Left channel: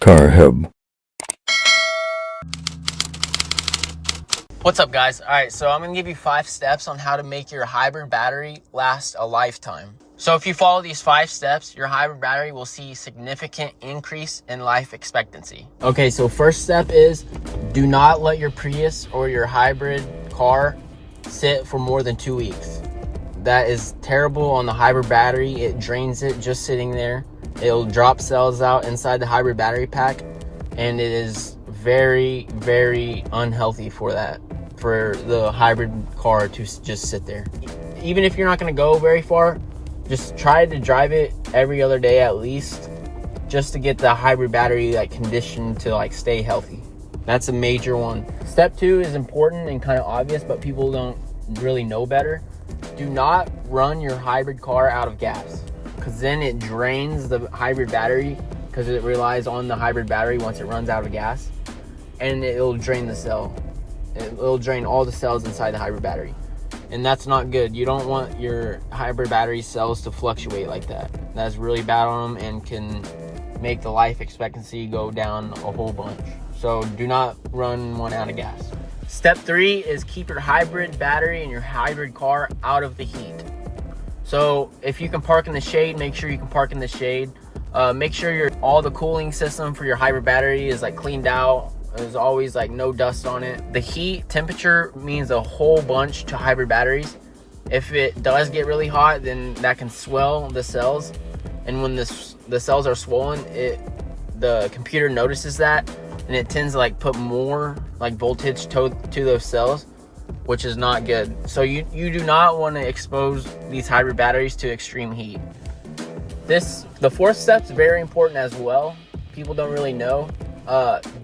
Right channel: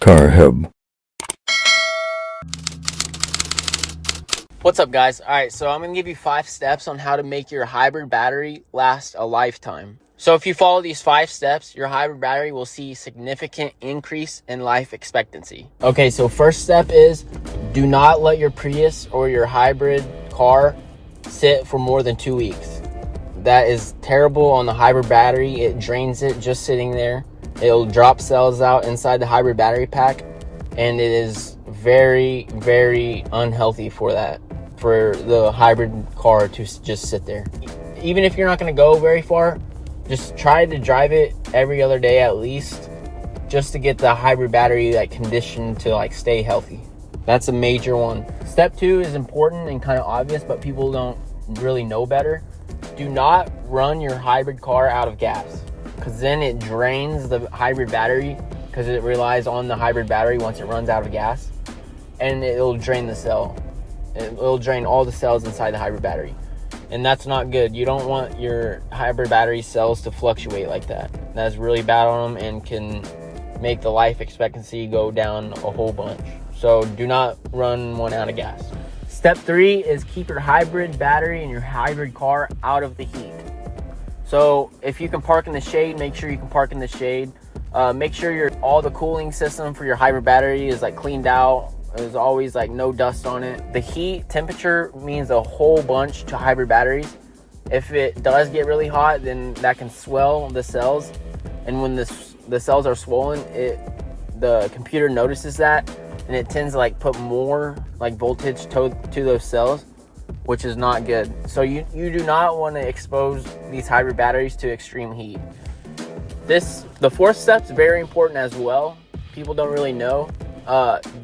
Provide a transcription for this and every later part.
Carb. What's up, guys? All right, so I'm gonna give you 5 steps on how to make your hybrid battery last a lifetime. So if you follow these 5 steps, your hybrid battery will see significant increase in life expectancy. Okay, so first step is do not let your Prius or your hybrid car sit for more than 2 weeks. That is terrible on the hybrid battery. It drains it just sitting there. It'll drop cells out inside the hybrid battery pack, and it is very, very unhealthy for the hybrid car to just sit there. Even if you're not going to go very far, just try to drive it every other day at least, just to get the hybrid battery conditioned to stay healthy. That's a major one. Step 2 is important and kind of obvious, but people don't really know better. Do not run your hybrid car out of gas, because then it drains the hybrid battery, because it relies on the hybrid battery once it runs out of gas, and it'll drain the cell. It'll drain all the cells inside the hybrid battery, and that's not good. You don't want your hybrid battery cells to fluctuate like that. That's really bad on them and can make the life expectancy go down a whole bunch. So do not run one out of gas. Step 3 is keep your hybrid battery and your hybrid car out of the heat. So if you can park in the shade, make sure you can park in the shade. Make sure all the cooling system for your hybrid battery is cleaned out. There's always no dust on it. The heat temperature means a whole bunch to hybrid batteries. If it does get really hot, then that can swell the cells, and when the cells are swollen, the computer notices that, and it tends to put more voltage to those cells, which is not good. So you do not want to expose these hybrid batteries to extreme heat. The 4th step is very important as well. People don't really know.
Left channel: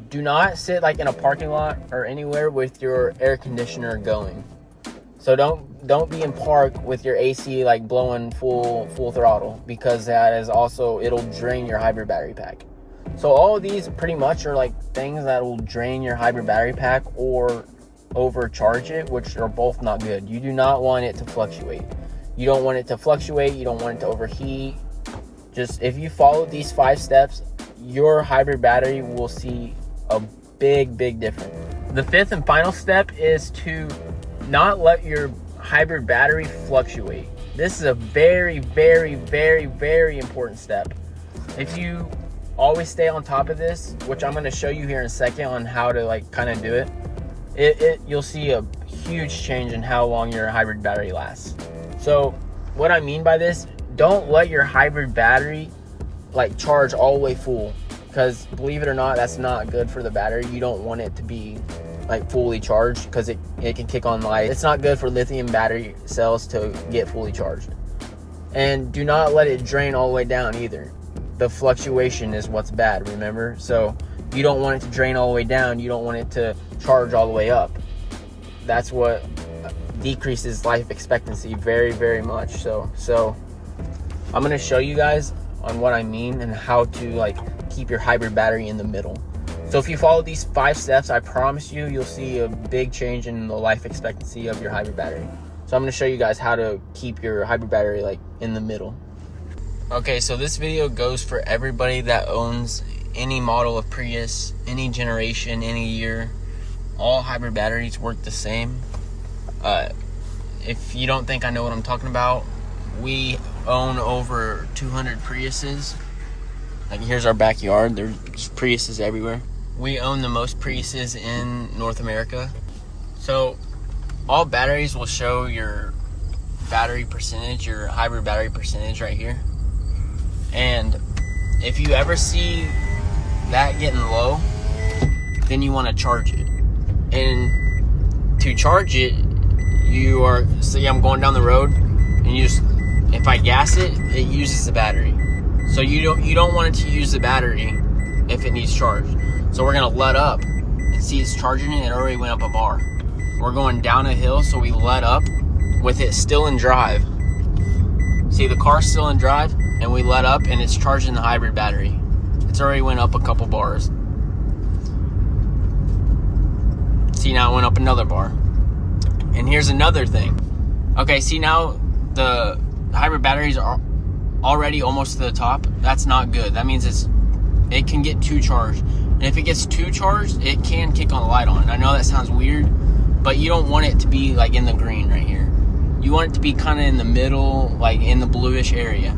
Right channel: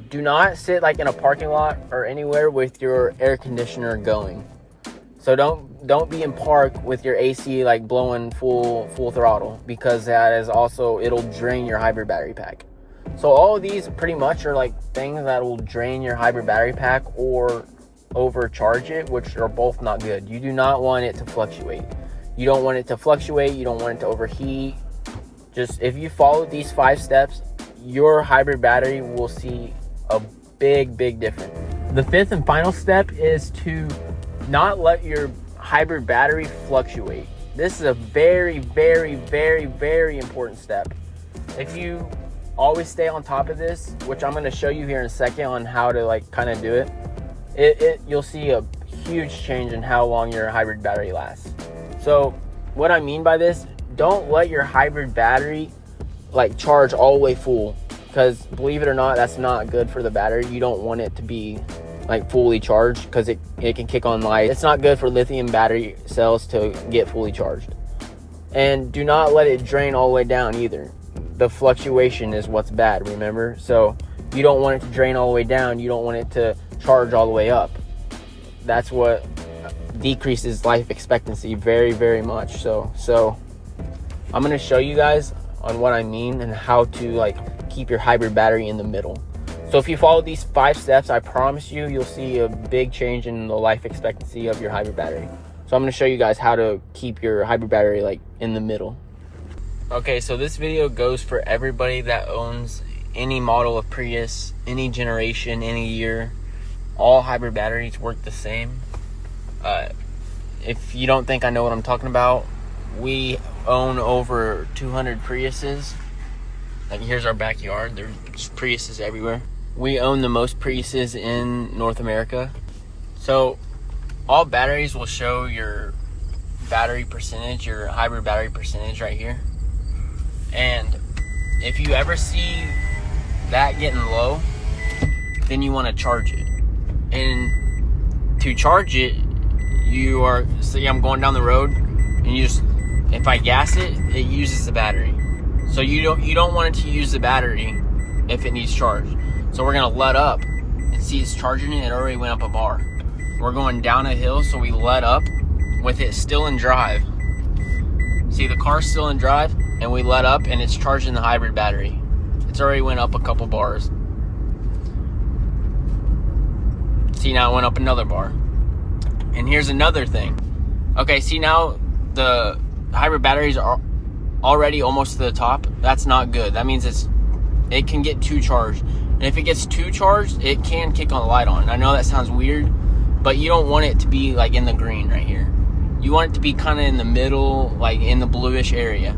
Do not sit in a parking lot or anywhere with your air conditioner going. So don't be in park with your AC blowing full throttle, because that is also, it'll drain your hybrid battery pack. So all of these pretty much are things that will drain your hybrid battery pack or overcharge it, which are both not good. You do not want it to fluctuate. You don't want it to fluctuate. You don't want it to overheat. Just if you follow these 5 steps, your hybrid battery will see a big difference. The 5th and final step is to not let your hybrid battery fluctuate. This is a very, very, very, very important step. If you always stay on top of this, which I'm going to show you here in a second on how to kind of do it, you'll see a huge change in how long your hybrid battery lasts. So what I mean by this, don't let your hybrid battery charge all the way full, because believe it or not, that's not good for the battery. You don't want it to be fully charged, because it can kick on light. It's not good for lithium battery cells to get fully charged. And do not let it drain all the way down either. The fluctuation is what's bad, remember? So you don't want it to drain all the way down. You don't want it to charge all the way up. That's what decreases life expectancy very, very much. So I'm going to show you guys on what I mean and how to keep your hybrid battery in the middle. So if you follow these 5 steps, I promise you'll see a big change in the life expectancy of your hybrid battery. So I'm going to show you guys how to keep your hybrid battery in the middle. Okay, so this video goes for everybody that owns any model of Prius, any generation, any year. All hybrid batteries work the same. If you don't think I know what I'm talking about, we own over 200 Priuses. Here's our backyard. There's Priuses everywhere. We own the most Priuses in North America. So all batteries will show your battery percentage, your hybrid battery percentage right here. And if you ever see that getting low, then you want to charge it. And to charge it, say I'm going down the road, and if I gas it, it uses the battery. So you don't want it to use the battery if it needs charge. So we're gonna let up and see it's charging it. It already went up a bar. We're going down a hill, so we let up with it still in drive. See, the car's still in drive, and we let up, and it's charging the hybrid battery. It's already went up a couple bars. See, now it went up another bar. And here's another thing. Okay, see now the hybrid batteries are already almost to the top. That's not good. That means it can get too charged. And if it gets too charged, it can kick on the light on. I know that sounds weird, but you don't want it to be like in the green right here. You want it to be kind of in the middle, like in the bluish area.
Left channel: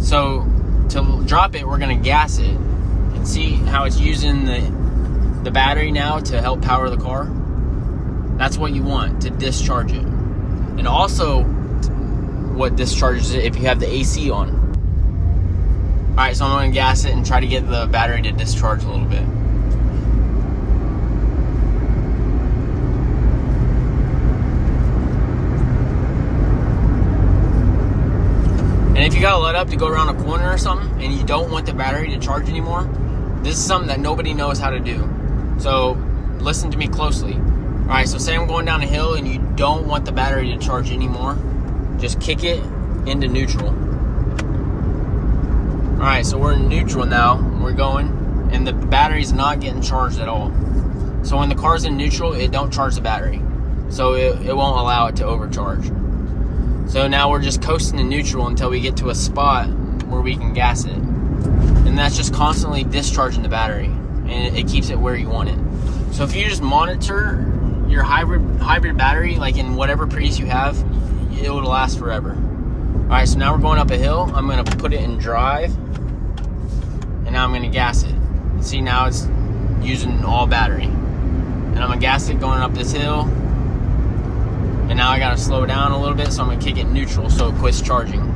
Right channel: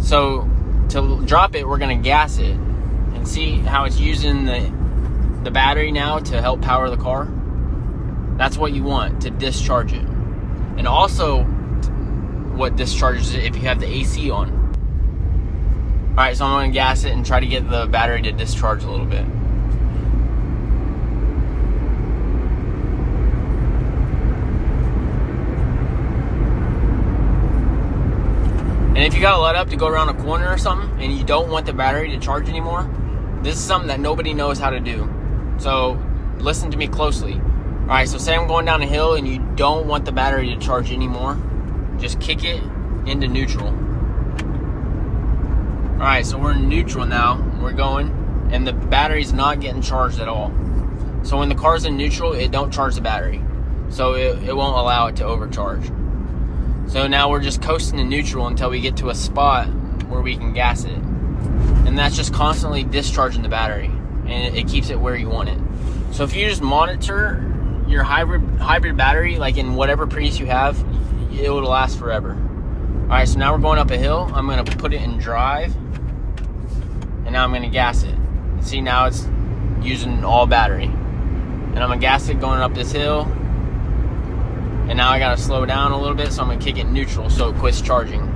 So to drop it, we're gonna gas it and see how it's using the battery now to help power the car. That's what you want, to discharge it. And also what discharges it if you have the AC on. All right, so I'm gonna gas it and try to get the battery to discharge a little bit. And if you gotta let up to go around a corner or something and you don't want the battery to charge anymore, this is something that nobody knows how to do. So listen to me closely. All right, so say I'm going down a hill and you don't want the battery to charge anymore, just kick it into neutral. All right, so we're in neutral now. We're going, and the battery's not getting charged at all. So when the car's in neutral, it don't charge the battery. So it won't allow it to overcharge. So now we're just coasting in neutral until we get to a spot where we can gas it. And that's just constantly discharging the battery, and it keeps it where you want it. So if you just monitor your hybrid battery, like in whatever Prius you have, it will last forever. All right, so now we're going up a hill. I'm gonna put it in drive, and now I'm gonna gas it. See, now it's using all battery. And I'm gonna gas it going up this hill. And now I gotta slow down a little bit, so I'm gonna kick it neutral so it quits charging.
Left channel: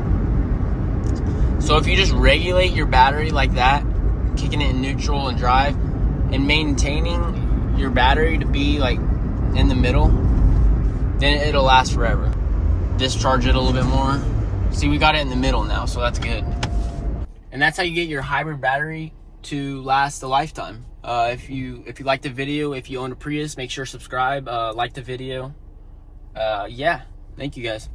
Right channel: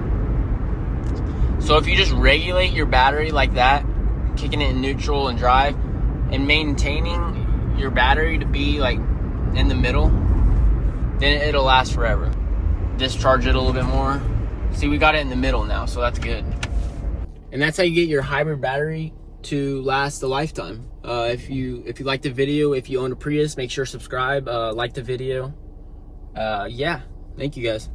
So if you just regulate your battery like that, kicking it in neutral and drive, and maintaining your battery to be like in the middle, then it'll last forever. Discharge it a little bit more. See, we got it in the middle now, so that's good. And that's how you get your hybrid battery to last a lifetime. If you like the video, if you own a Prius, make sure to subscribe, like the video. Yeah, thank you guys.